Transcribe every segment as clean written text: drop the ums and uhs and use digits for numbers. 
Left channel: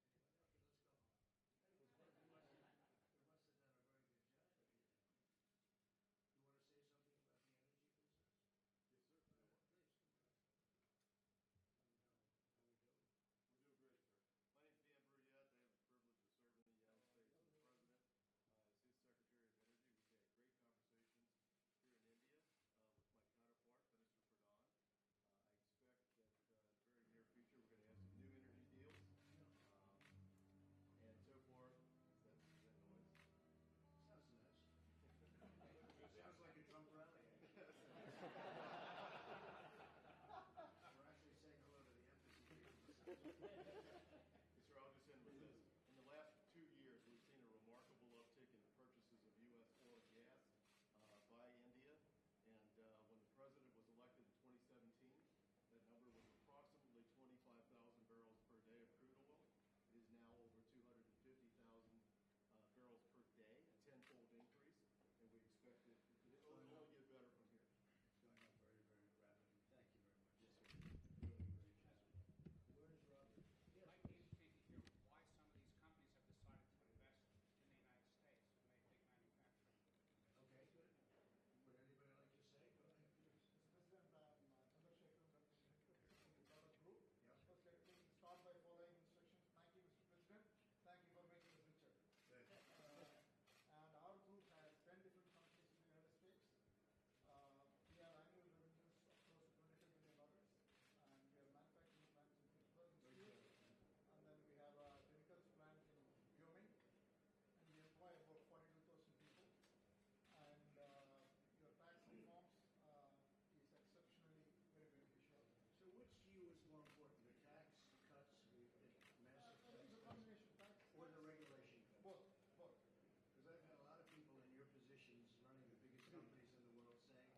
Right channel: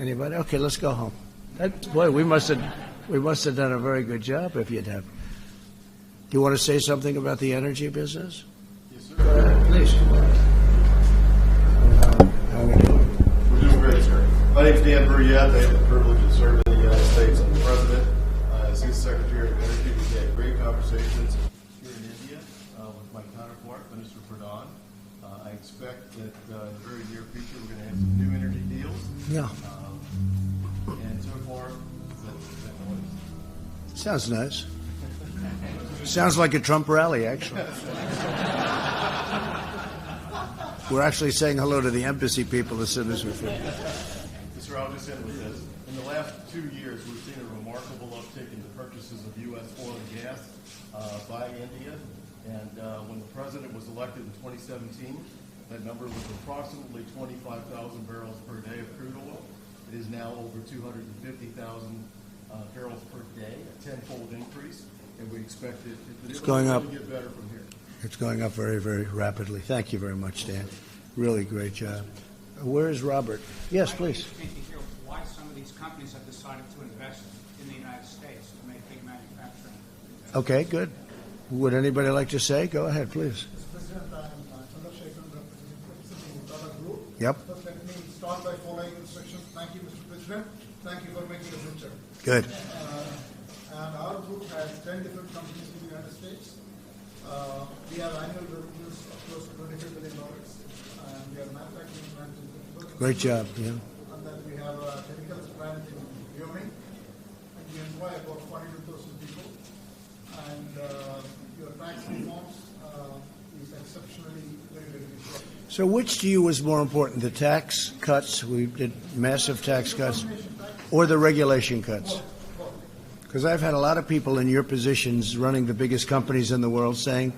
Anybody? Okay, let's go home. Boy, we must have done a very good job if you'd have. Do you want to say something about the energy business? Yes, sir. Go ahead, please. How are we doing? We're doing great, sir. My name's Dan Brouillette. I have the privilege of serving in the United States. I'm the president. As his Secretary of Energy, we've had great conversations here in India with my counterpart, Minister Pradhan. I expect that in the very near future we're going to have some new energy deals. Yeah. And so far, that noise. Sounds nice. Sounds like a Trump rally, actually. We're actually saying hello to the embassy people as soon as we finish. Sir, I'll just end with this. In the last 2 years, we've seen a remarkable uptick in the purchases of U.S. oil and gas by India. And when the president was elected in 2017, that number was approximately 25,000 barrels per day of crude oil. It is now over 250,000 barrels per day, a tenfold increase. And we expect it's going up. To get better from here. It's going up very, very rapidly. Thank you very much, Dan. Really great job. Where is Robert? Yes, please. I'm interested to hear why some of these companies have decided to invest in the United States to make big manufacturing. Okay, good. Would anybody like to say? Go ahead, please. Mr. President, I'm Chandrasekhar, representing Tata Group. Yep. First, let me start by following instructions. Thank you, Mr. President. Thank you for making a picture. Good. And our group has 10 different companies in the United States. We have annual revenues of close to $25 billion, and we have manufacturing plant in Pittsburgh. Great job. Yeah. And then we have a chemicals plant in Wyoming, and we employ about 42,000 people. And your tax reforms is exceptionally very, very good. So which to you was more important, the tax cuts, we did massive tax cuts, or the regulation cuts? Because I've had a lot of people in your positions running the biggest companies in the world saying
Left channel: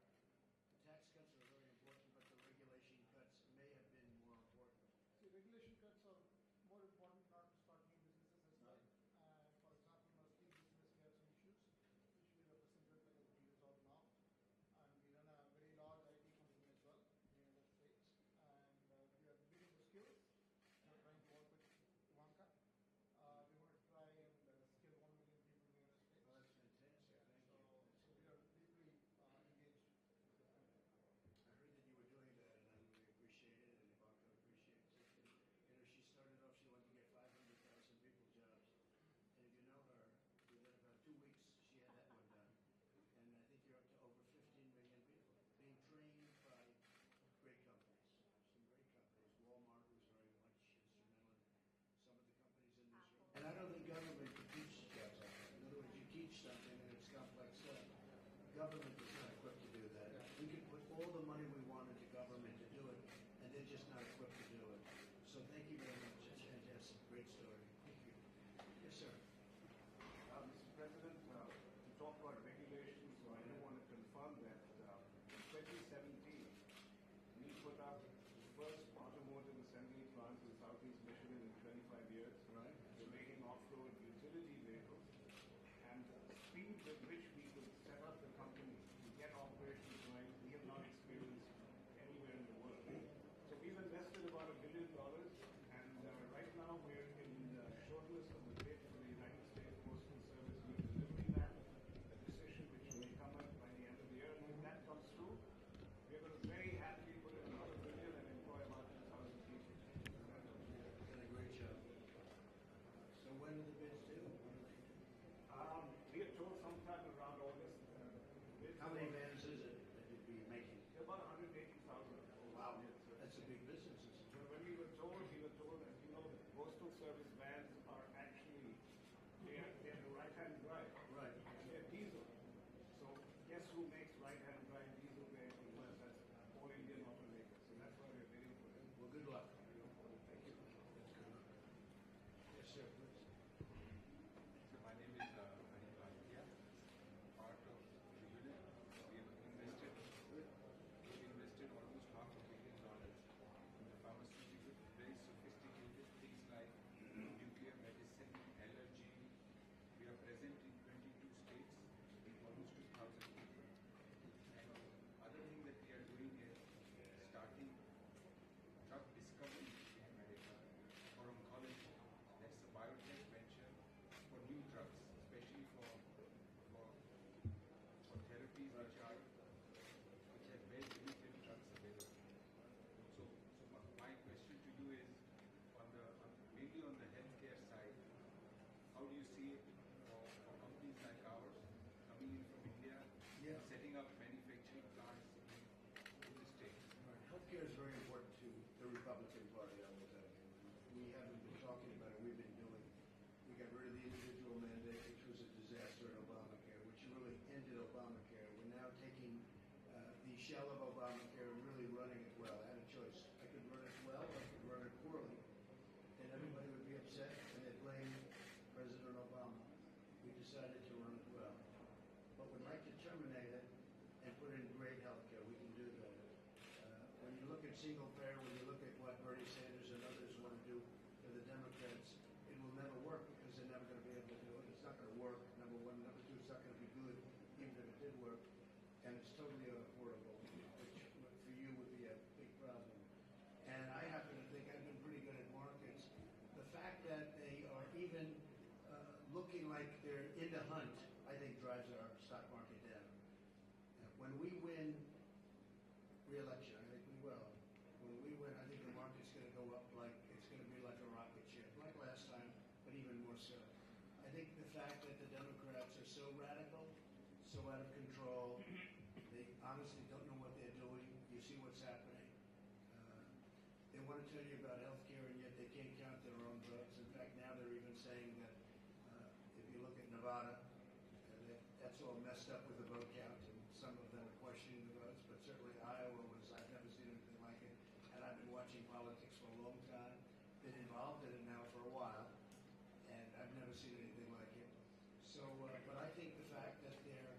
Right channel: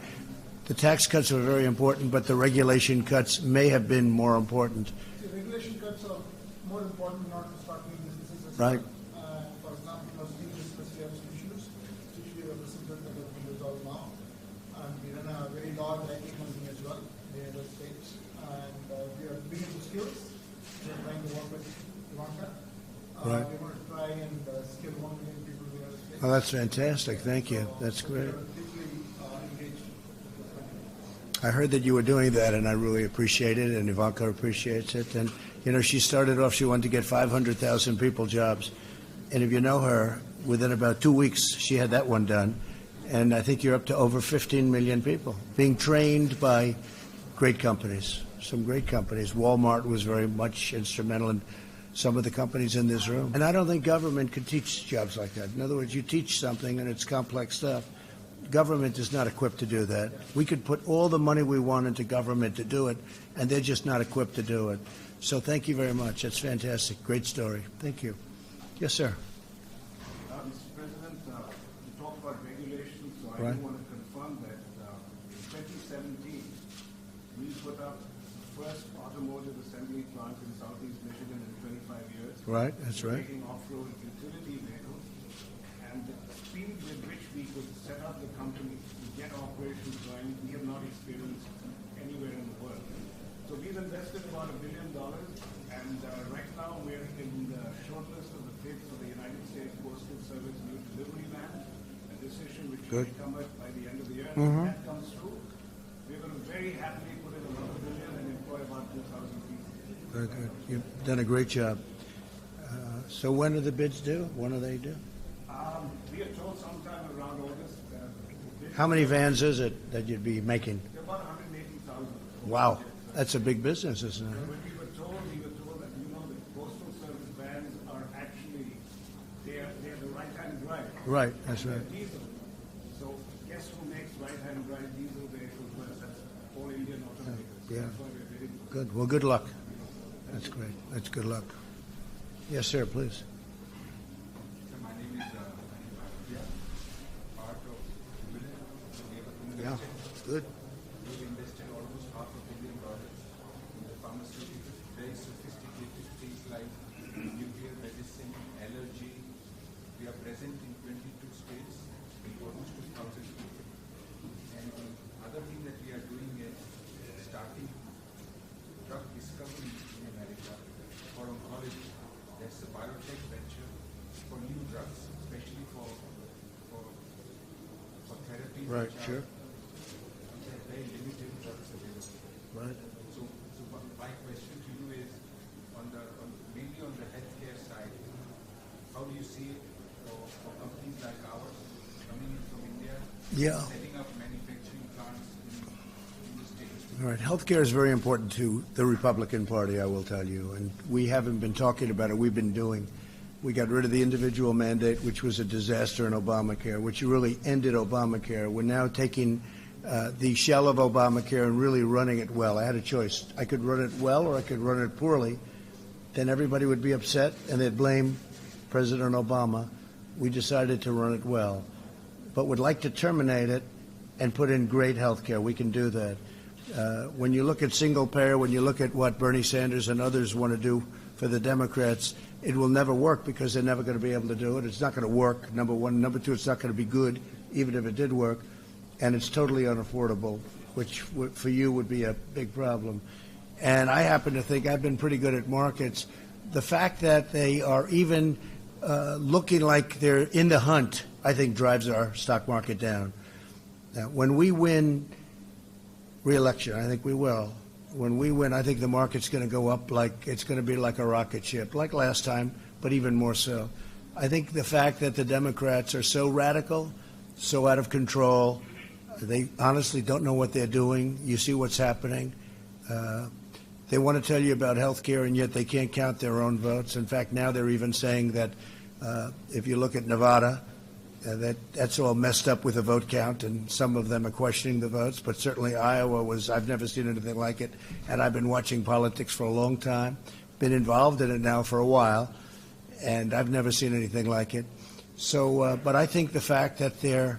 the tax cuts are very important, but the regulation cuts may have been more important. The regulation cuts are more important not to start new businesses. Right. For example, steel business, we have some issues, which we represented that have been resolved now. And we run a very large IT company as well in the United States. And we are building the skills. We are trying to work with Ivanka. Right. We want to try and skill 1 million people in the United States. Oh, that's fantastic. Thank you. That's great. We are deeply engaged with this country. I heard that you were doing that, and I really appreciate it, and Ivanka appreciates it. And, you know, she started off, she wanted to get 500,000 people jobs. And if you know her, within about 2 weeks, she had that one done. And I think you're up to over 15 million people being trained by great companies, some great companies. Walmart was very much instrumental in some of the companies in this room. And I don't think government could teach jobs like that. In other words, you teach something, and it's complex stuff. Government is not equipped to do that. We could put all the money we want into government to do it, and they're just not equipped to do it. So thank you very much. That's fantastic. Great story. Thank you. Yes, sir. Mr. President, you talked about regulations, so Right. I do want to confirm that in 2017, we put up the first automotive assembly plant in Southeast Michigan in 25 years. Right, that's right. Making off-road utility vehicles. And the speed with which we could set up the company to get operations going, we have not experienced anywhere in the world. So we've invested about $1 billion, and right now we're in the shortlist of the bid for the United States Postal Service new delivery van, a decision which Good. will come up by the end of the year. If that comes through, we're going to very happily put in another $1 billion and employ about 2,000 people. Very good. You've done a great job. So when are the bids due? When are they due? We are told sometime around August. How many vans is it that you'd be making? There are about 180,000. Wow. That's a big business, isn't it? When we were told that, you know, the Postal Service vans are actually, they're the right-hand drive. Right, that's right. They're diesel. So guess who makes right-hand drive diesel vehicles? Well, that's all Indian automakers. Yeah. That's why we're bidding for it. Good. Well, good luck. That's great. That's good luck. Yes, sir, please. So my name is part of Yeah, good. we invested almost $500 million in the pharmaceuticals, very sophisticated things like nuclear medicine, allergy. We are present in 22 states, in almost 2,000 people. And the other thing that we are doing is starting drug discovery in America for oncology. That's Right, sure. There are very limited drugs available. Right. So my question to you is, mainly on the healthcare side, how do you see for companies like ours coming in from India, Yeah. setting up manufacturing plants in the States? All right, healthcare is very important to the Republican Party, I will tell you, and we haven't been talking about it. We've been doing. We got rid of the individual mandate, which was a disaster in Obamacare, which really ended Obamacare. We're now taking the shell of Obamacare and really running it well. I had a choice. I could run it well or I could run it poorly. Then everybody would be upset and they'd blame President Obama. We decided to run it well, but would like to terminate it and put in great health care. We can do that. When you look at single payer, when you look at what Bernie Sanders and others want to do for the Democrats, it will never work because they're never going to be able to do it. It's not going to work, number one. Number two, it's not going to be good, even if it did work. And it's totally unaffordable, which for you would be a big problem. And I happen to think I've been pretty good at markets. The fact that they are even looking like they're in the hunt, I think drives our stock market down. Now, when we win re-election, I think we will. When we win, I think the market's going to go up like it's going to be like a rocket ship, like last time, but even more so. I think the fact that the Democrats are so radical, so out of control, they honestly don't know what they're doing. You see what's happening. They want to tell you about health care, and yet they can't count their own votes. In fact, now they're even saying that if you look at Nevada, that's all messed up with the vote count, and some of them are questioning the votes, but certainly Iowa was, I've never seen anything like it, and I've been watching politics for a long time, been involved in it now for a while, and I've never seen anything like it. So, but I think the fact that there's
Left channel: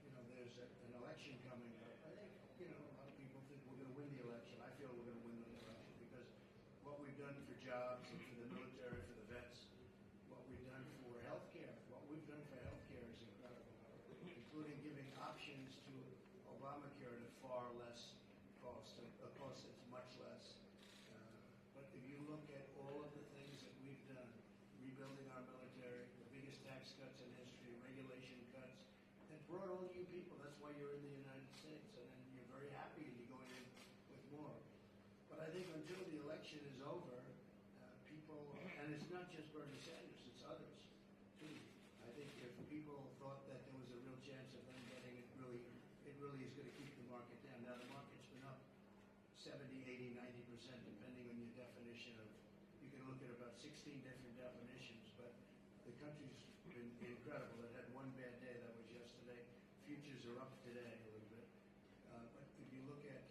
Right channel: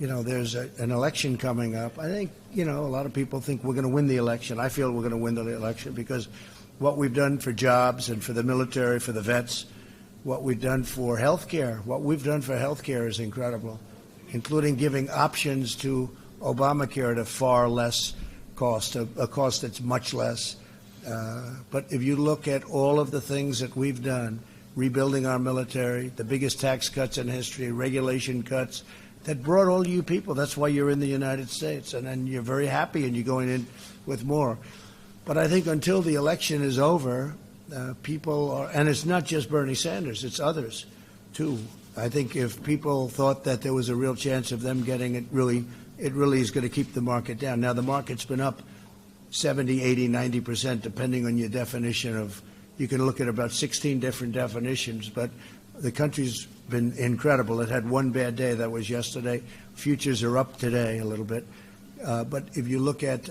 an election coming up, I think, a lot of people think we're going to win the election. I feel we're going to win the election because what we've done for jobs and for the military, for the vets, what we've done for health care. What we've done for health care is incredible, including giving options to Obamacare at a far less cost, a cost that's much less. But if you look at all of the things that we've done, rebuilding our military, the biggest tax cuts in history, regulation cuts, that brought all you people. That's why you're in the United States. And then you're very happy and you're going in with more. But I think until the election is over, people are, and it's not just Bernie Sanders, it's others, too. I think if people thought that there was a real chance of them getting it really is going to keep the market down. Now, the market's been up 70, 80, 90%, depending on your definition of, you can look at about 16 different definitions, but the country's been incredible. It had one bad day, that was yesterday. Futures are up today a little bit. But if you look at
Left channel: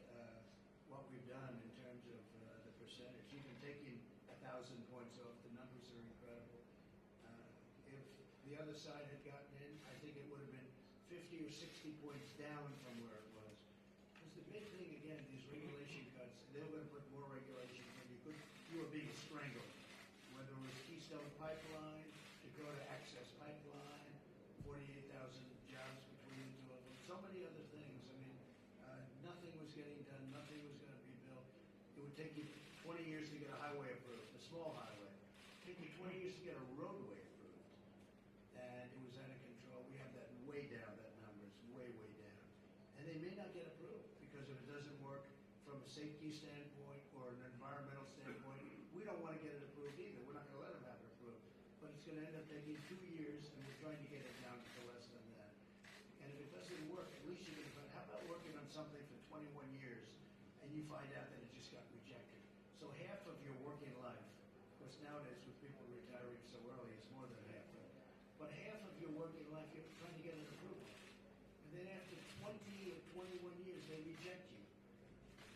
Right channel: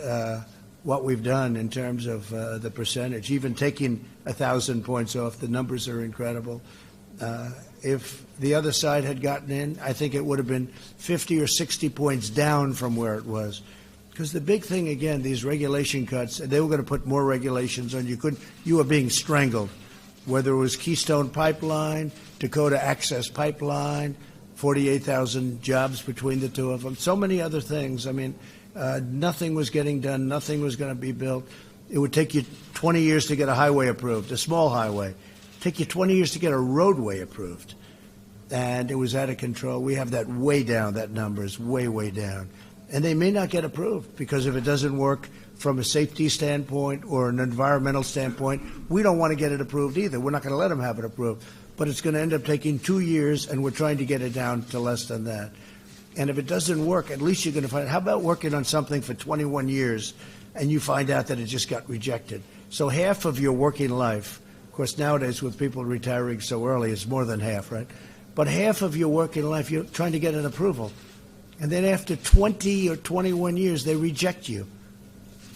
what we've done in terms of the percentage, even taking 1,000 points off, the numbers are incredible. If the other side had gotten in, I think it would have been 50 or 60 points down from where it was. Because the big thing, again, these regulation cuts, they were going to put more regulations on you. You were being strangled, whether it was Keystone Pipeline, Dakota Access Pipeline, 48,000 jobs between the two of them, so many other things. I mean, nothing was getting done. Nothing was going to be built. It would take you 20 years to get a highway approved, a small highway. It'd take you 20 years to get a roadway approved. And it was out of control. We have that way down. That number is way, way down. And they may not get approved because if it doesn't work from a safety standpoint or an environmental standpoint, we don't want to get it approved either. We're not going to let them have it approved. But it's going to end up taking 2 years, and we're trying to get it down to less than that. And if it doesn't work, at least you're going to find, how about working on something for 21 years and you find out that it just got rejected? So half of your working life, of course, nowadays with people retiring so early, it's more than half, right? But half of your working life, you're trying to get an approval. And then after 20 or 21 years, they reject you.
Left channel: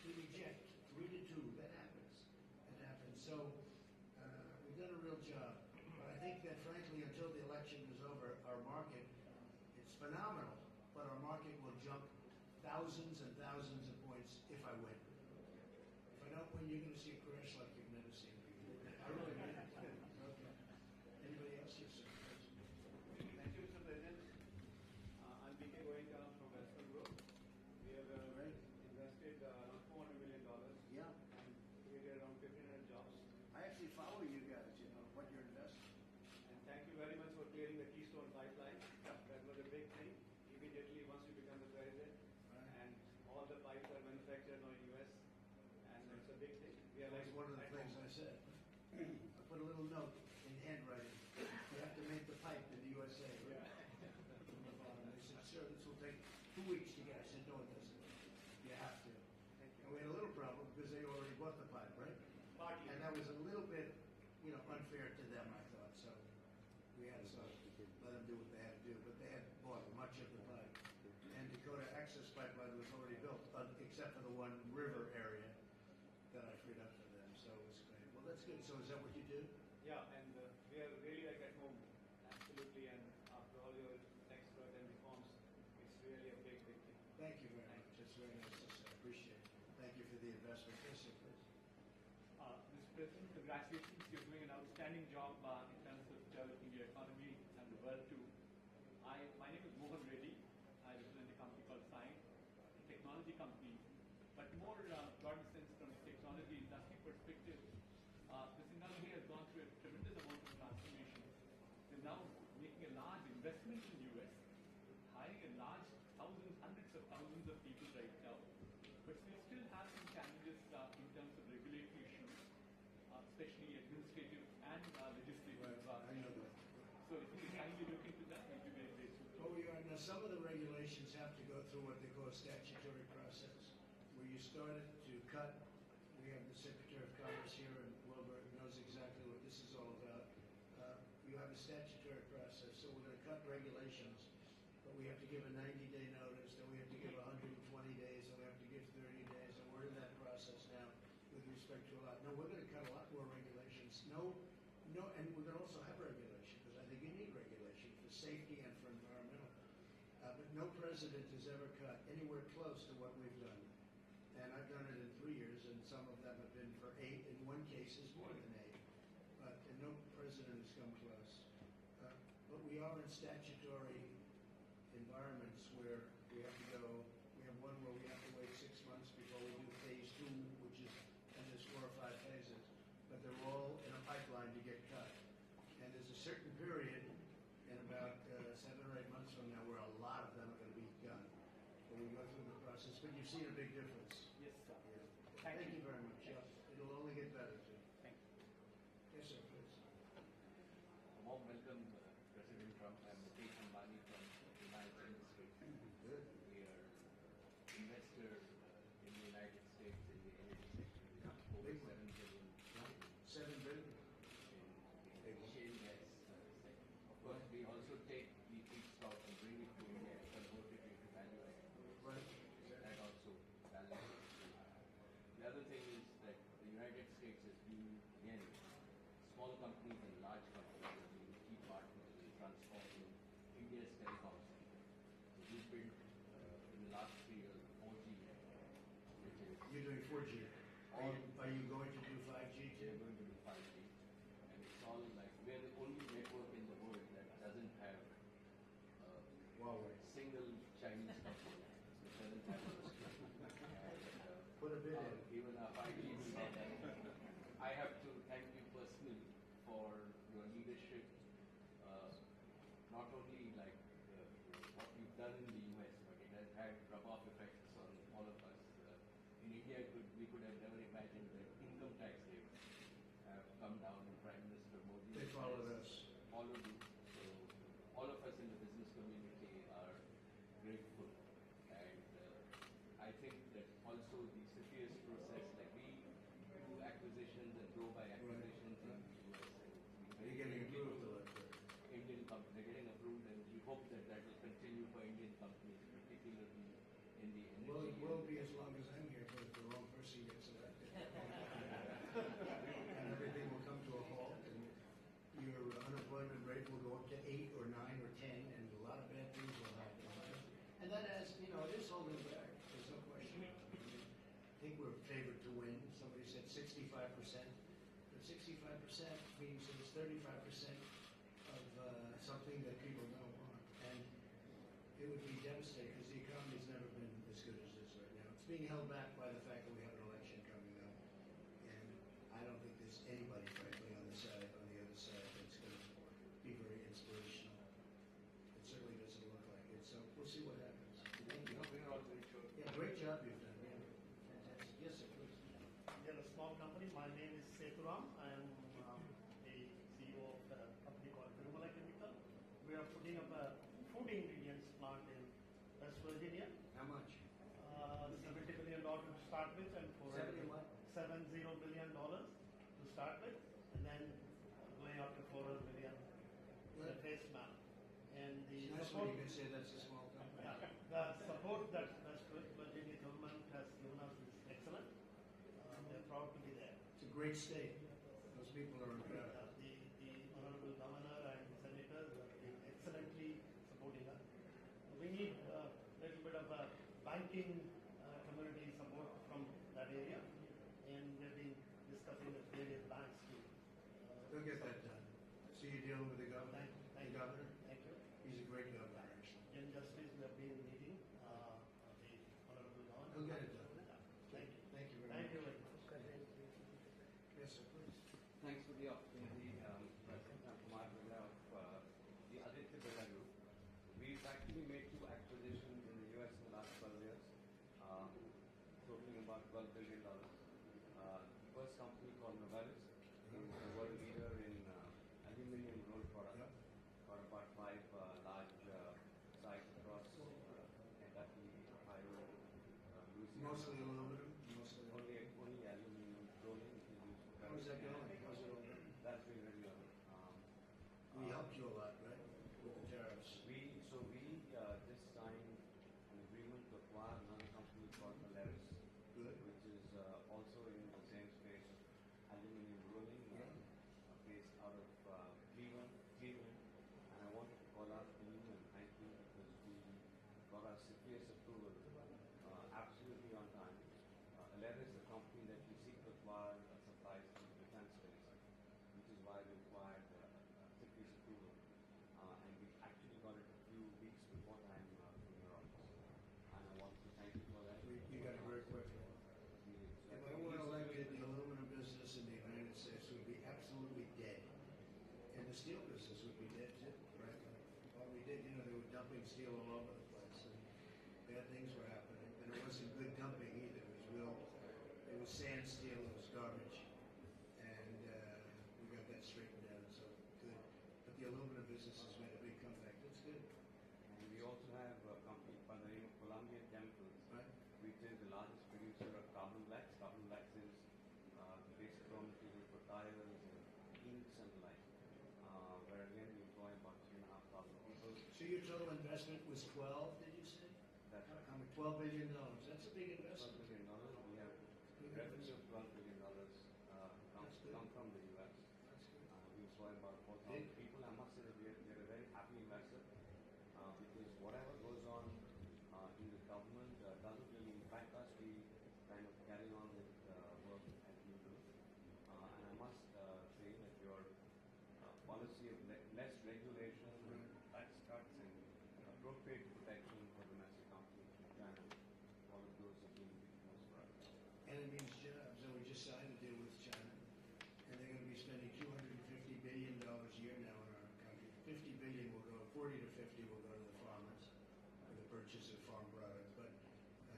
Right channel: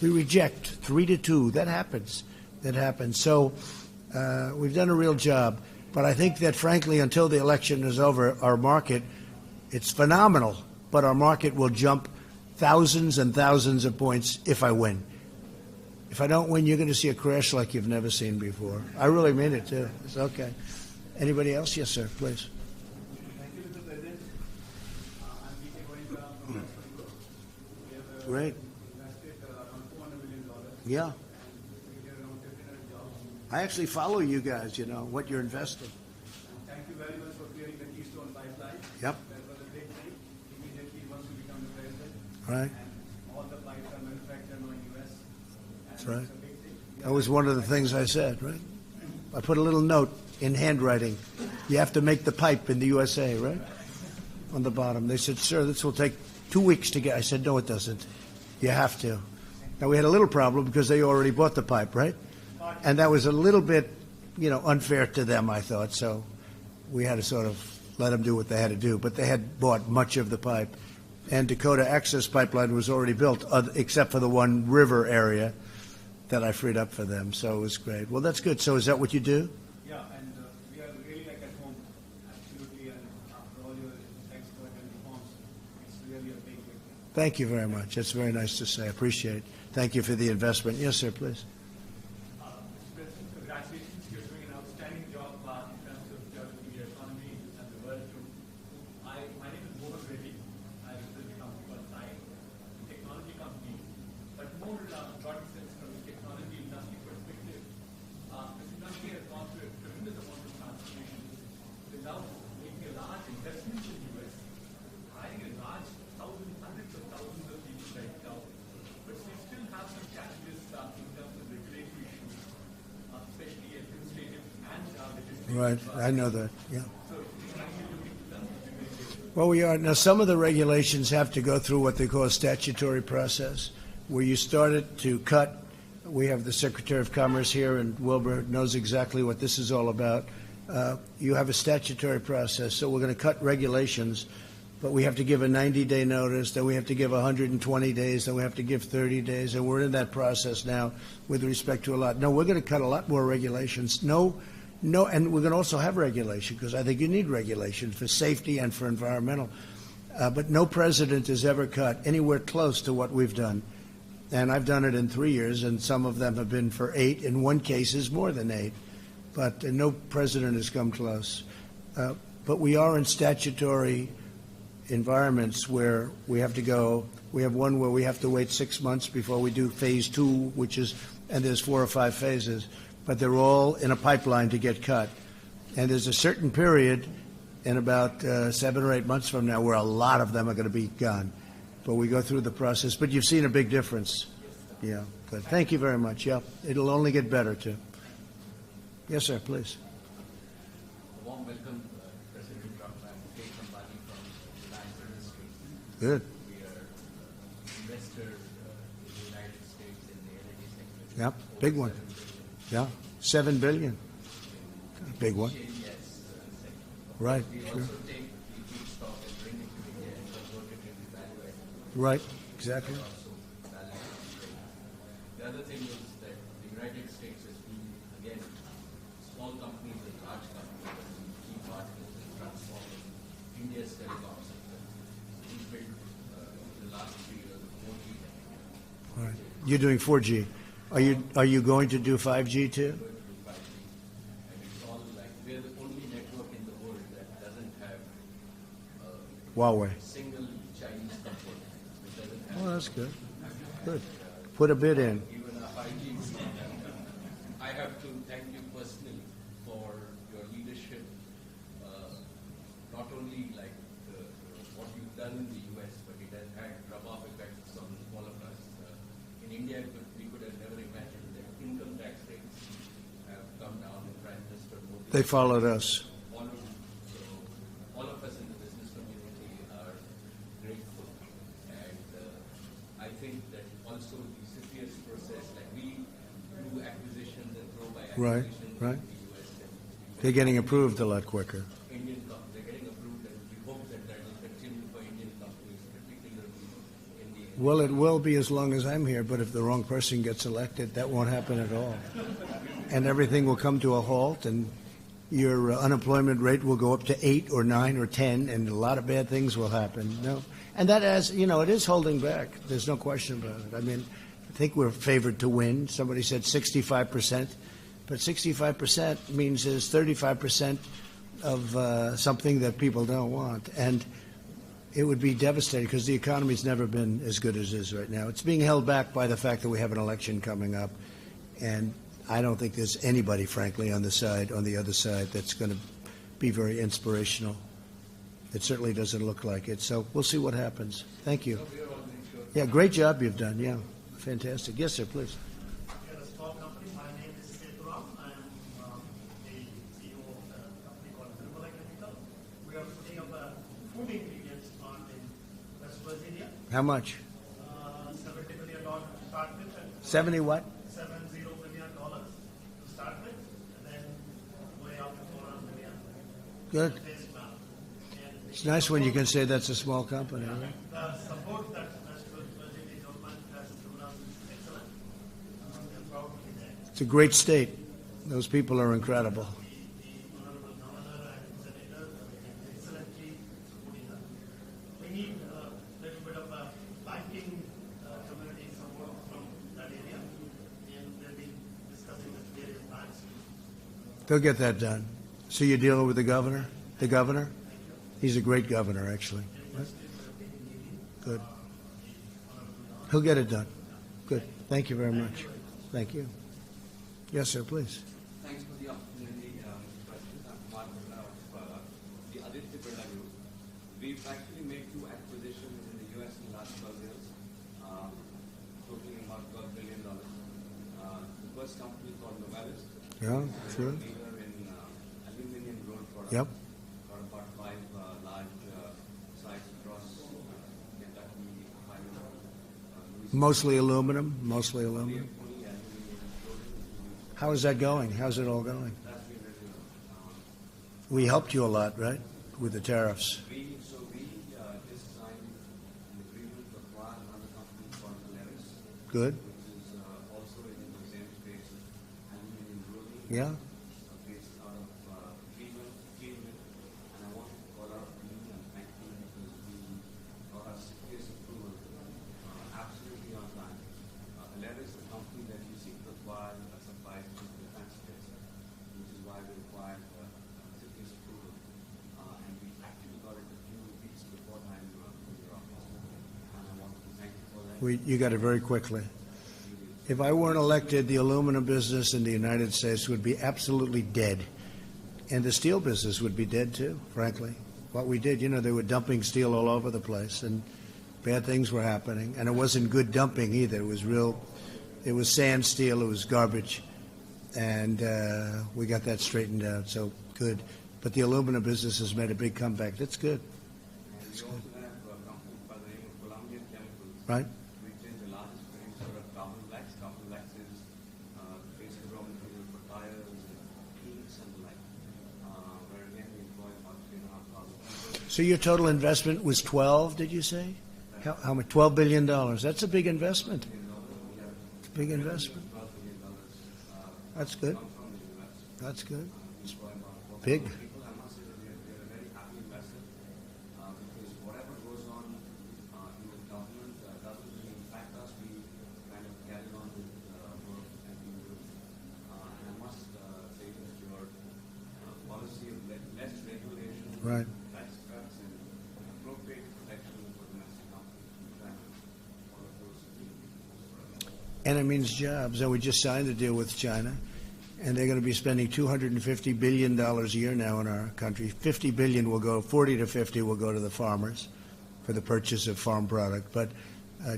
We reject 3-2. That happens. That happens. So we've done a real job. But I think that, frankly, until the election is over, our market, it's phenomenal, but our market will jump thousands and thousands of points if I win. If I don't win, you're going to see a crash like you've never seen before. I really mean it, too. It's okay. Anybody else? Yes, sir, please. Thank you, Mr. President. I'm P.K. Goenka from Western Group. We have Great. invested around $400 million. Yeah. And we get around 1,500 jobs. I actually follow you guys, what you're investing. Thank you very much for clearing the Keystone Pipeline. Yep. That was a great thing. Immediately once you become the president. Right. And all the pipes are manufactured in the US. That's right. It's a big thing. That was one of the things I said, right? I put a little note in handwriting. You have to make the pipe in the USA, right? On the bottom. They said, sir, this will take 2 weeks to get. I said, no, it doesn't. You have to. Now, we had a little problem because they already bought the pipe, right? And that was a little bit, unfair to them, I thought. So we had to sort of let them do what they had to do. But they had bought much of the pipe. And Dakota Access Pipeline was already built, except for the one river area that I freed up for them. So it was great. Well, that's good. So is that what you do? Yeah, and we are really like at home, absolutely, and after all your expert and reforms, it's really a big, big thing. Thank you very much. That's very nice to say. I appreciate it. Thank you for the investment. Yes, sir, please. Mr. President, congratulations. You're doing an outstanding job in terms of developing your economy and the world too. My name is Mohan Reddy. I represent a company called Sai, a technology company, but more broad sense from the technology industry perspective. This industry has gone through a tremendous amount of transformation. They're now making a large investment in the US, hiring a large hundreds of thousands of people right now. But we still have some challenges in terms of regulatory issues, especially administrative and legislative. Right. I know that. Yeah. So, are you looking to them? Well, we are. Now, some of the regulations have to go through what they call a statutory process, where you started to cut. We have the Secretary of Commerce here, and Wilbur knows exactly what this is all about. You have a statutory process, so we're going to cut regulations, but we have to give a 90-day notice, then we have to give 120 days, then we have to give 30 days, and we're in that process now with respect to a lot. No, we're going to cut a lot more regulations. No, and we're going to also have regulation, because I think you need regulation for safety and for environmental. But no president has ever cut anywhere close to what we've done. And I've done it in 3 years, and some of them have been for 8. In one case, is more than 8. But no president has come close. But we are in statutory environments where we have to go. We have one where we have to wait 6 months before we do phase 2, and there's 4 or 5 phases, but they're all in a pipeline to get cut. And there's a certain period in about 7 or 8 months from now where a lot of them are going to be gone. But we go through the process. But you've seen a big difference. Yeah, good. Thank you very much. Yeah, it'll only get better, too. Yes, sir, please. Warm welcome, President Trump. I'm Kate Ambani from Reliance Industries. Good. We are investor in the United States in the energy sector. Yeah, big one. Yeah, $7 billion. Big one. Yes, Right, we sure. also take the feedstock and bring it to India and convert it into value added. Right, exactly. Also, value added. The other thing is that the United States has been, again, small companies and large companies have been key partners in transforming India's telecom sector. We built the last 3 years 4G technology. All right. You're doing 4G. Are you going to do 5G too? And it's all like we're the only network in the world that doesn't have Huawei. a single Chinese component. It doesn't have Oh, that's good. Good. Put a bid in. even a 5G. I have to thank you personally for your leadership, not only like what you've done in the US, but it has had rub-off effects on all of us. In India, we could have never imagined that income tax rates have come down in Prime Minister Modi. They followed us. Followed. So all of us in the business community are grateful. And I think that also the CFIUS process, like we do acquisitions and throw by Right, acquisitions right. in the US. And They're getting approved a lot quicker. they're getting approved, and we hope that that will continue for Indian companies, particularly in the Well, it will be as long as I'm here, but if the wrong person gets elected, that won't happen at all. And everything will come to a halt, and your unemployment rate will go up to 8 or 9 or 10, and a lot of bad things will happen. No, and that, as you know, it is holding back. There's no question about it. I mean, I think we're favored to win. Somebody said 65%, but 65% means there's 35% of something that people don't want, and it would be devastating because the economy's never been as good as it is right now. It's being held back by the fact that we have an election coming up, and I don't think there's anybody, frankly, on the other side, that's going to be very inspirational. It certainly doesn't look like it. So we'll see what happens. Thank you. we are always sure Yeah, great job you've done, yeah. Fantastic. Yes, sir, please. We are a small company. My name is Seturam. I am the CEO of a company called Nirmala Chemical. We are putting up a food ingredients plant in West Virginia. How much? $70 million to start with, and 70 what? $70 million to start with, and then going up to $400 million. Good. Phase plan. And It's nice when you can say that's a small company, right? the support that West Virginia government has given us is excellent. We are proud to be there. It's a great state. Those people are incredible. The honorable governor and senator excellently supporting us. We need a little bit of a banking community support from that area, and we'll be discussing with various banks. They'll get that done. So you're dealing with the governor? The governor? He's a great governor, actually. Good. He'll get it done. Good. Thank you very much. Thank you. Yes, sir, please. Thanks for the opportunity. President, I'm Kumar Birla of the Aditya Birla Group. We've actually made 2 acquisitions in the U.S. in the last 12 years, totaling about $12 billion. The first company called Novelis. Yeah, sure. Leader in aluminum rolled products. Yep. Got about 5 large sites across Kentucky, Ohio, Louisiana. Mostly aluminum, mostly aluminum. Only aluminum rolled. How is that going? How's it all going? That's been really We helped you a lot, right, with the tariffs? We just signed an agreement to acquire another company called Aleris, Good? which is also in the same space of aluminum rolling. Yeah? Based out of Cleveland. And I wanted to call out to you and thank you because we got our CPS approval absolutely on time. Aleris, the company that you seek to acquire, supplies to the defense space, which is why we required CPS approval. And we actually got it a few weeks before time in your office. And I want to thank you for that. You got it very quickly. If I weren't elected, the aluminum business in the United States would be absolutely dead. And the steel business would be dead too, frankly. What we did, they were dumping steel all over the place and bad things were happening. And it wasn't good dumping either. It was sand steel, it was garbage. And we got that straightened out, so good. But the aluminum business has made a big comeback. That's good. And we also have a company by the name of Columbia Chemicals, Right? which is the largest producer of carbon black. Carbon black is the basic raw material for tires and inks and the like, where again we employ about 3,500 people. So your total investment was 12, did you say? How much? $12 billion. That's a big investment. It's a big investment. $12 billion That's good. come from the U.S. That's good. We employ about 4,000 Big. people. I must say that we are a very happy investor because whatever goes on in the government doesn't really impact us. We kind of carry on with work and we do. And I must say that your policy of less regulation, Right. tax cuts, and appropriate protection for domestic companies, we try and follow those for us. And it means jobs. And we just signed a deal with China, and they're going to be spending $250 billion a year now in our country. 40 to 50 will go to the farmers for the purchase of farm product. But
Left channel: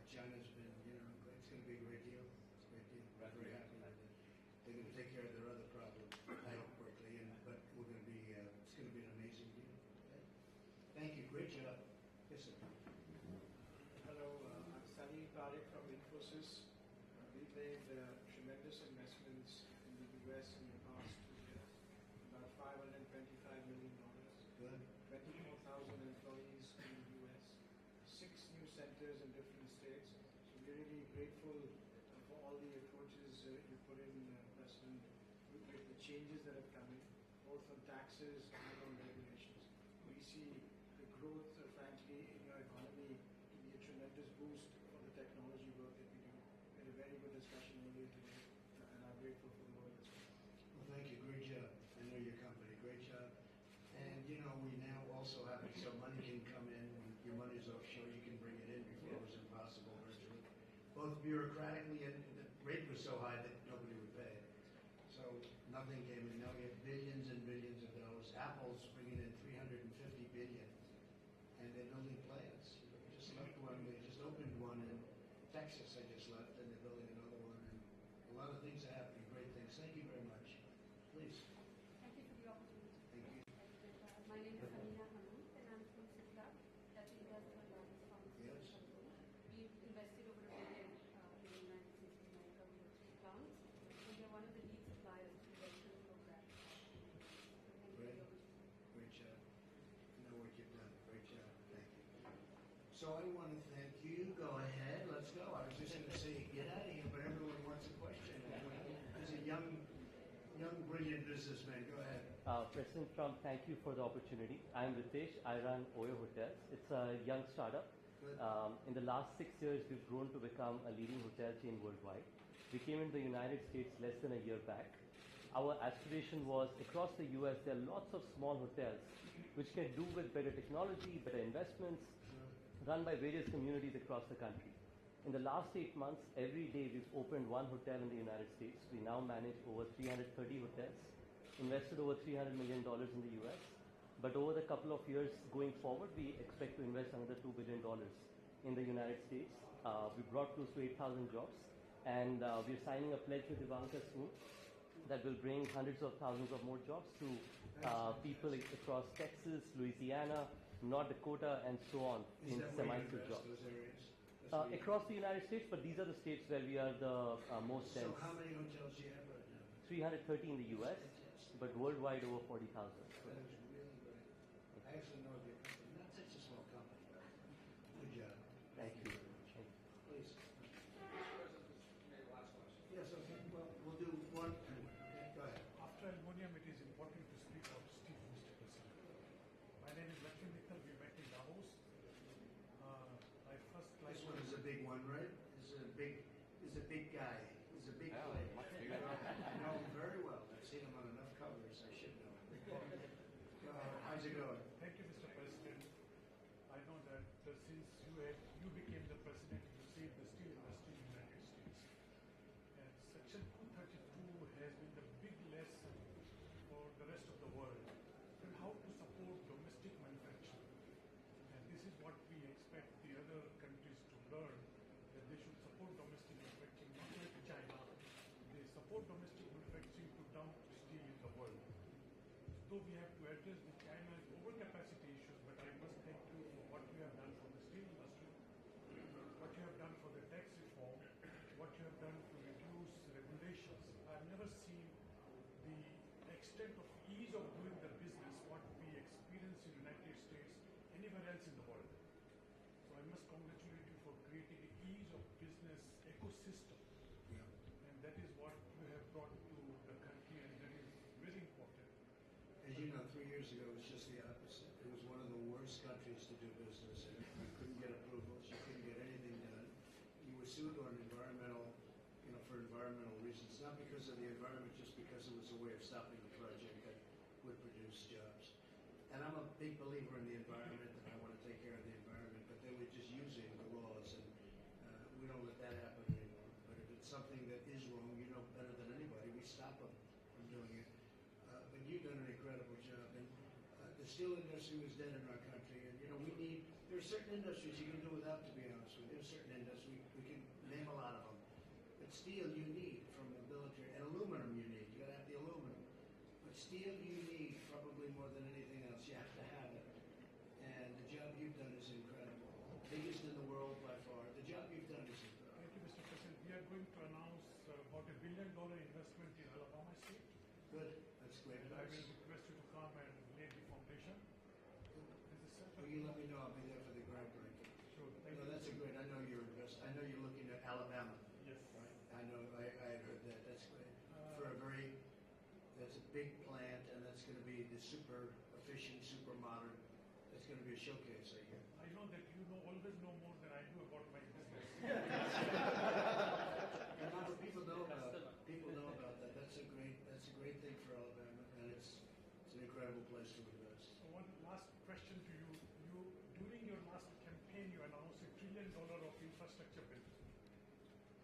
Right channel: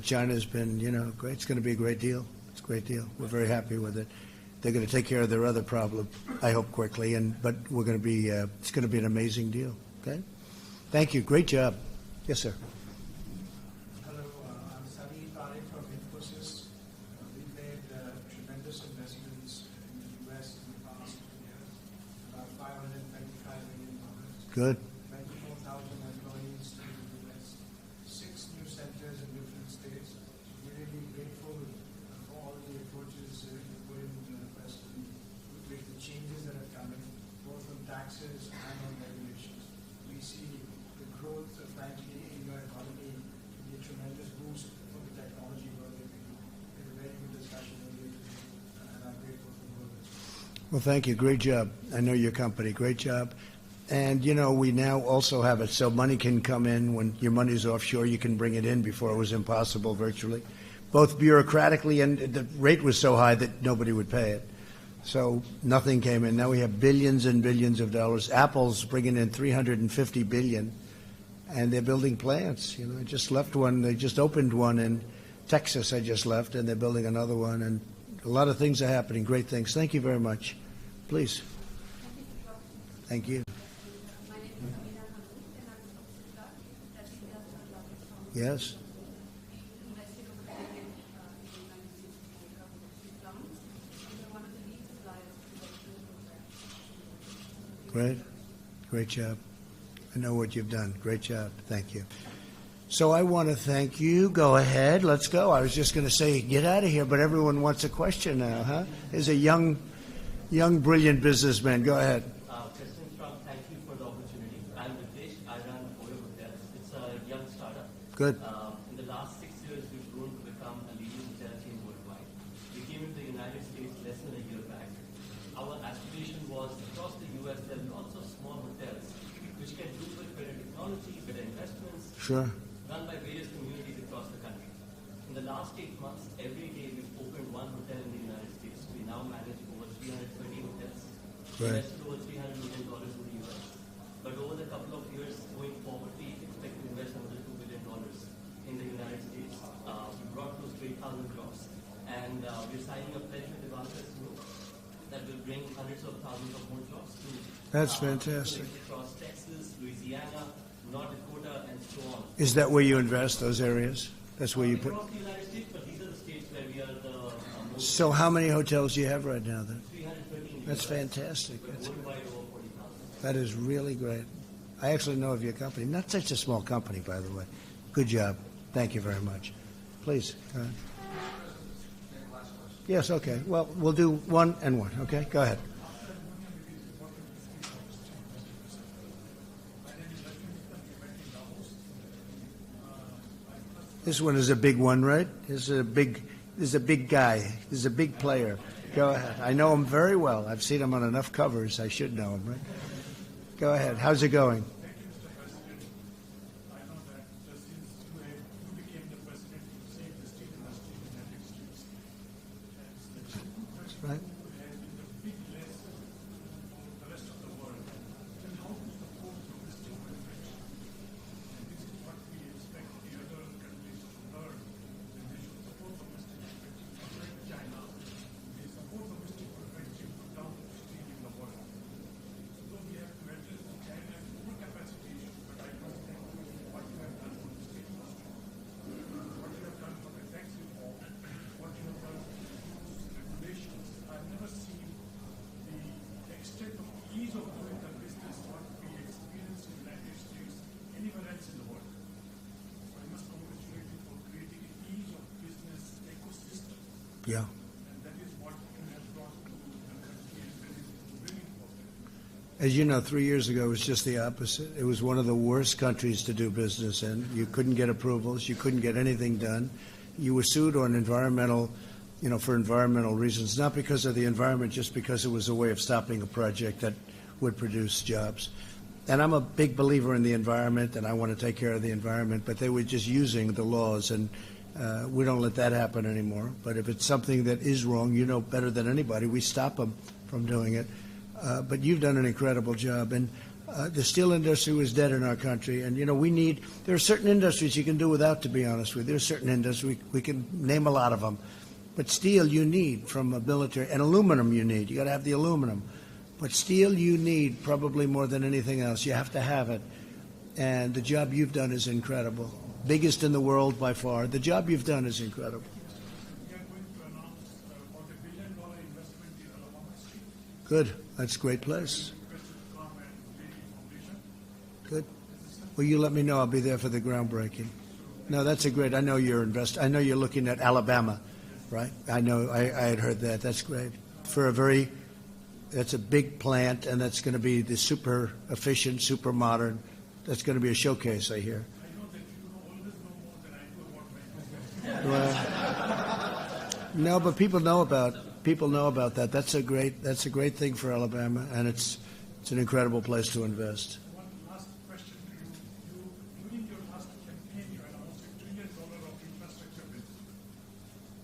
China's been, great. It's going to be a great deal. It's a great deal. We're very happy with it. They're going to take care of their other problem, I hope, quickly. But we're going to be, it's going to be an amazing deal. Okay? Thank you. Great job. Yes, sir. Hello, I'm Sami Parekh from Infosys. We've made tremendous investments in the U.S. in the past 2 years, about $525 million. Good. 24,000 employees in the U.S., 6 new centers in different states. We're really grateful for all the approaches you put in, President, with the changes that have come in, both on taxes and on regulations. We see the growth, frankly, in your economy to be a tremendous boost for the technology work that we do. We had a very good discussion earlier today, and I'm grateful for the work. Well, thank you. Great job. I know your company. Great job. And, we now also have it so money can come in. When your money's offshore, you can bring it in. Before it was impossible virtually, both bureaucratically, and the rate was so high that nobody would pay it. So nothing came in. Now we have billions and billions of dollars. Apple's bringing in $350 billion and they're building plants. I just left one. They just opened one in Texas. I just left, and they're building another one, and a lot of things are happening. Great things. Thank you very much. Please. Thank you. Yes. Great. Great job. I know what you've done. Great job. Thank you. So I want to thank you. Go ahead. Let's go. I was just going to say, get out of here, but everyone wants a question now, huh? There's a young, brilliant businessman. Go ahead. President Trump, thank you for the opportunity. I'm Ritesh. I run Oyo Hotels. It's a young startup. Good. In the last 6 years, we've grown to become a leading hotel chain worldwide. We came into the United States less than a year back. Our aspiration was across the U.S. there are lots of small hotels which can do with better technology, better investments, Sure. run by various communities across the country. In the last 8 months, every day we've opened one hotel in the United States. We now manage over 330 hotels, Right. invested over $300 million in the U.S. But over the couple of years going forward, we expect to invest another $2 billion in the United States. We brought close to 8,000 jobs, and we're signing a pledge with Ivanka soon that will bring hundreds of thousands of more jobs to That's fantastic. across Texas, Louisiana, North Dakota, and so on. Is that where you invest, those areas? That's where you put. Across the United States, but these are the states where we are the most. So how many hotels do you have right now then? 313. That's fantastic. But worldwide over 40,000. That is really great. I actually know of your company. Not such a small company, by the way. Good job. Thank you very much. Please. Go ahead. Yes, okay. Well, we'll do one and one, okay? Go ahead. This one is a big one, right? This is a big guy. This is a big player. Go ahead. I know him very well. I've seen him on enough covers. I should know him, right? Go ahead. How's it going? Thank you, Mr. President. I know that since you became the president, you saved the steel industry in the United States. That's right. Has been a big lesson for the rest of the world and how to support domestic manufacturing. And this is what we expect the other countries to learn, that they should support domestic manufacturing. Like China, they support domestic manufacturing to dump steel in the world. So we have to address China's overcapacity issue, but I must thank you for what you have done for the steel industry, what you have done for the tax reform, what you have done for rules, regulations. I've never seen the extent of ease of doing the business what we experience in the United States anywhere else in the world. So I must congratulate you for creating an ease of business ecosystem, Yeah. and that is what you have brought to the country and very, very important. As you know, 3 years ago, it was just the opposite. It was one of the worst countries to do business in. You couldn't get approvals. You couldn't get anything done. You were sued on environmental, for environmental reasons, not because of the environment, just because it was a way of stopping a project that would produce jobs. And I'm a big believer in the environment, and I want to take care of the environment, but they were just using the laws, and we don't let that happen anymore. But if it's something that is wrong, you know better than anybody, we stop them from doing it. But you've done an incredible job, and the steel industry was dead in our country. And there are certain industries you can do without, to be honest with you. There are certain industries we can name a lot of them, but steel you need from a military, and aluminum you need. You got to have the aluminum, but steel you need probably more than anything else. You have to have it, and the job you've done is incredible. Biggest in the world by far. The job you've done is incredible. We are going to announce about $1 billion investment in Alabama Street. Good. That's a great place. Requested to come and lay the foundation. Good. Well, you let me know. I'll be there for the groundbreaking. No, that's a great. I know you're I know you're looking at Alabama, right? I know. I had heard that. That's great. That's a big plant, and that's going to be the super efficient, super modern. That's going to be a showcase, I hear. I know that you always know more than I do about my business. No, but people know about that. That's a great thing for Alabama, and it's an incredible place to invest. One last question to you. During your last campaign, you had almost $1 trillion of infrastructure bill.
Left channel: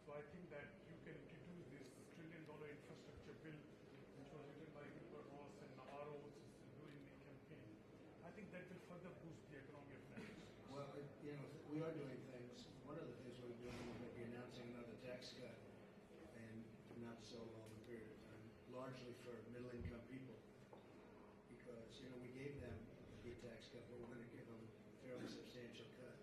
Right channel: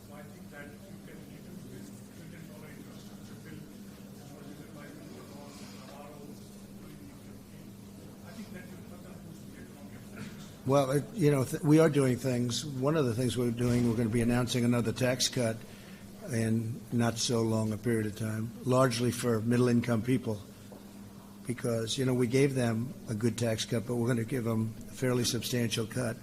So I think that you can use this $1 trillion infrastructure bill, which was written by Mr. Ross and Navarro during the campaign. I think that will further boost the economy of the Well, we are doing things. One of the things we're doing, we're going to be announcing another tax cut in not so long a period of time, largely for middle-income people, because, we gave them a good tax cut, but we're going to give them a fairly substantial cut.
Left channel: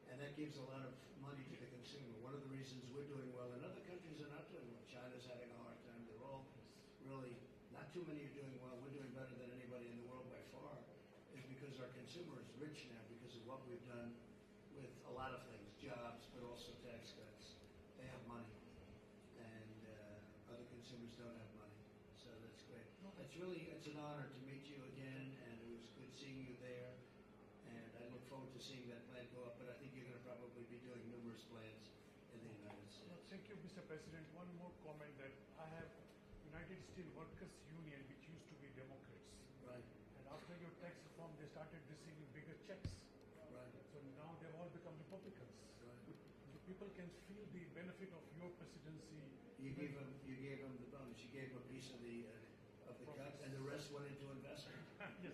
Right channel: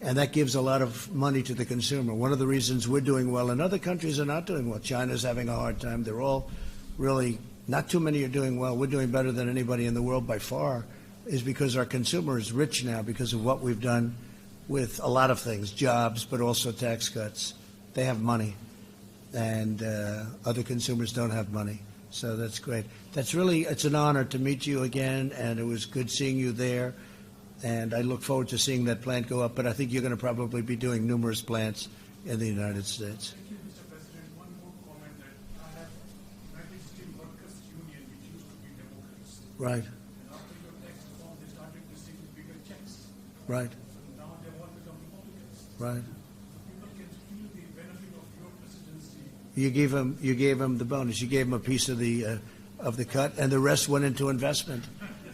And that gives a lot of money to the consumer. One of the reasons we're doing well and other countries are not doing well, China's having a hard time. They're all really, not too many are doing well. We're doing better than anybody in the world by far, is because our consumer is rich now because of what we've done with a lot of things, jobs, but also tax cuts. They have money, and other consumers don't have money. So that's great. It's an honor to meet you again, and it was good seeing you there. And I look forward to seeing that plant go up, but I think you're going to probably be doing numerous plants in the United States. Thank you, Mr. President. One more comment that I have United Steel Workers Union, which used to be Democrats. Right, And after your tax reform, they started receiving bigger checks. right, So now they all become Republicans. right. So people can feel the benefit of your presidency. You gave him the bonus. You gave him a piece of the cut, and the rest went into investment.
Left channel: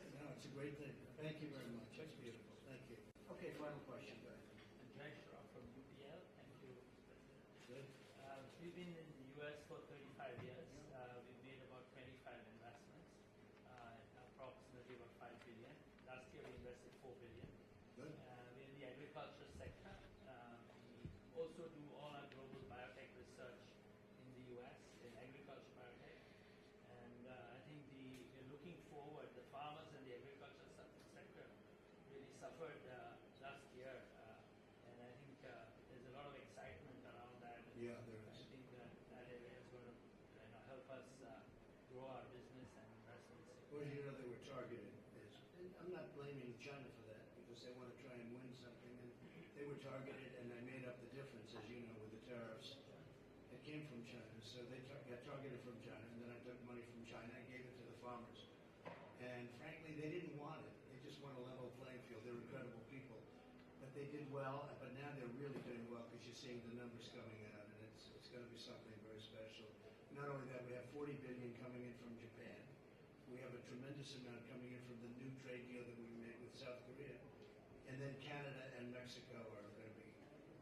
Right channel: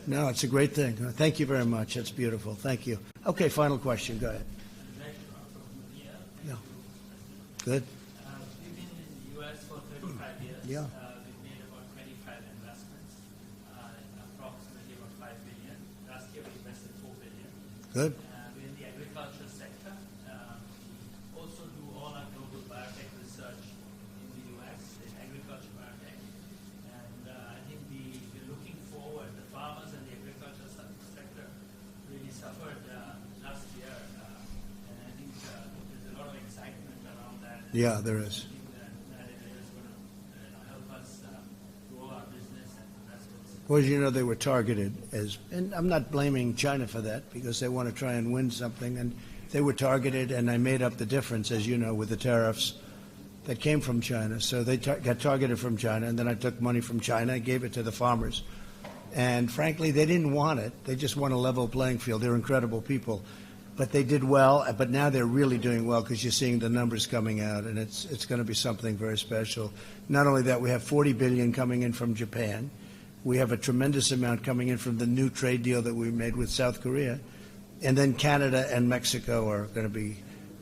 No, it's a great thing. Thank you very much. That's beautiful. Thank you. Okay, final question. Go ahead. Yeah. Good. We've been in the U.S. for 35 years. Yeah. We've made about 25 investments, approximately about $5 billion. Last year we invested $4 billion. Good. We're in the agriculture sector. We also do all our global biotech research in the U.S. in agriculture biotech. And I think we're looking forward. The farmers and the agriculture sector really suffered last year. And I think there's a lot of excitement around that. Yeah, there is. I think that area is going to help us grow our business and investments. Well, they were targeted and I'm not blaming China for that because they want to try and win something, and they were targeted, and I made up the difference, as you know, with the tariffs that came from China. So they got targeted from China, and then I took money from China and gave it to the farmers. And frankly, they didn't want it. They just want a level playing field. They're incredible people. But they did well, but now they're really doing well because you're seeing the numbers coming out, and it's going to be something very special. Not only that, we have $40 billion coming in from Japan. We have a tremendous amount coming in from the new trade deal that we made with South Korea. And then Canada and Mexico are going to be,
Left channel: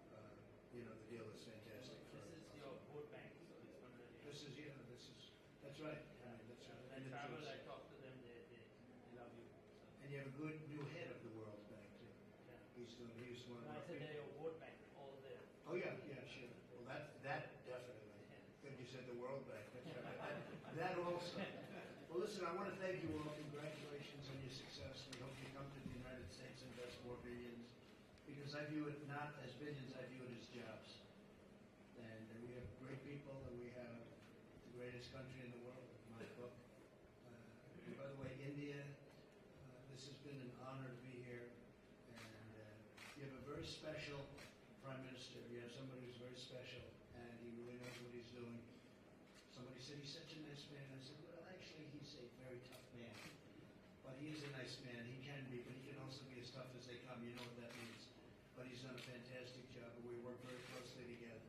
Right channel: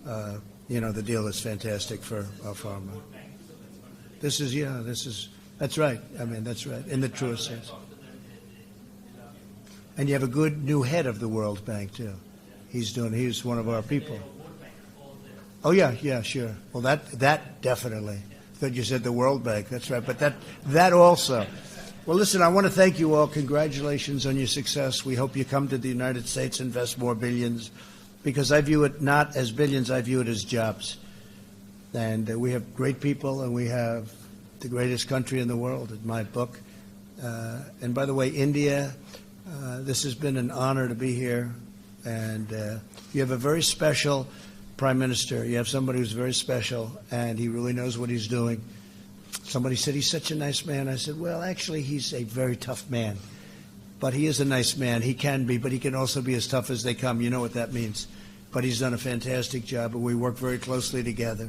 the deal is fantastic for our pharma. That's right. I mean, that's right, in the truest sense. And you have a good new head of the World Bank, too. He's one of our people. Oh, yeah, sure. Well, that definitely. I thought you said the World Bank. That's right. But that also. Well, listen, I want to thank you all. Congratulations on your success. We hope you come to the United States, invest more billions, because I view it not as billions, I view it as jobs. And we have great people, and we have the greatest country in the world, in my book. And by the way, India, this has been an honor to be here. And you have a very special prime minister. You have somebody who's very special, and he really knows what he's doing. Somebody said he's such a nice man. I said, well, actually, he's a very tough man. But he is a nice man. He can be, but he can also be as tough as they come. You know what that means. But he's done a fantastic job, and we work very closely together.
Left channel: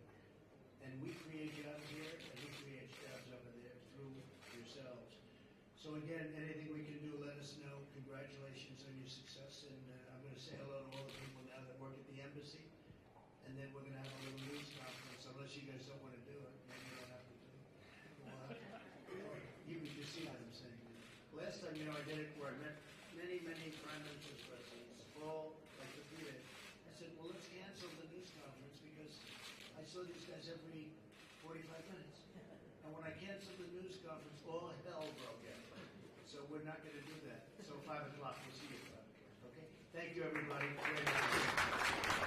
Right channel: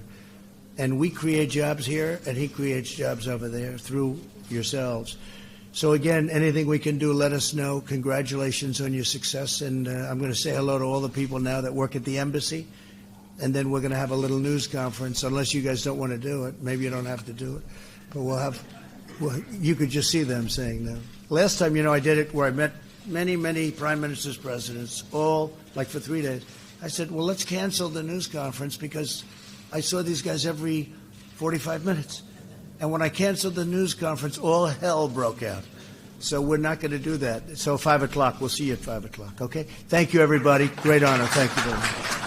And we create jobs here, and he creates jobs over there through yourselves. So, again, anything we can do, let us know. Congratulations on your success. And I'm going to say hello to all the people now that work at the embassy. And then we're going to have a little news conference, unless you guys don't want to do it. Maybe you don't have to do it. But you could just see them saying that. Last time, I did it where I met many, many prime ministers, presidents, all like for 3 days. I said, well, let's cancel the news conference because I saw these guys every 45 minutes. And when I canceled the news conference, all hell broke out. So we're not going to do that. So 5 o'clock, we'll see you at 5 o'clock, okay? Thank you, everybody. Great honor. Thank you very much.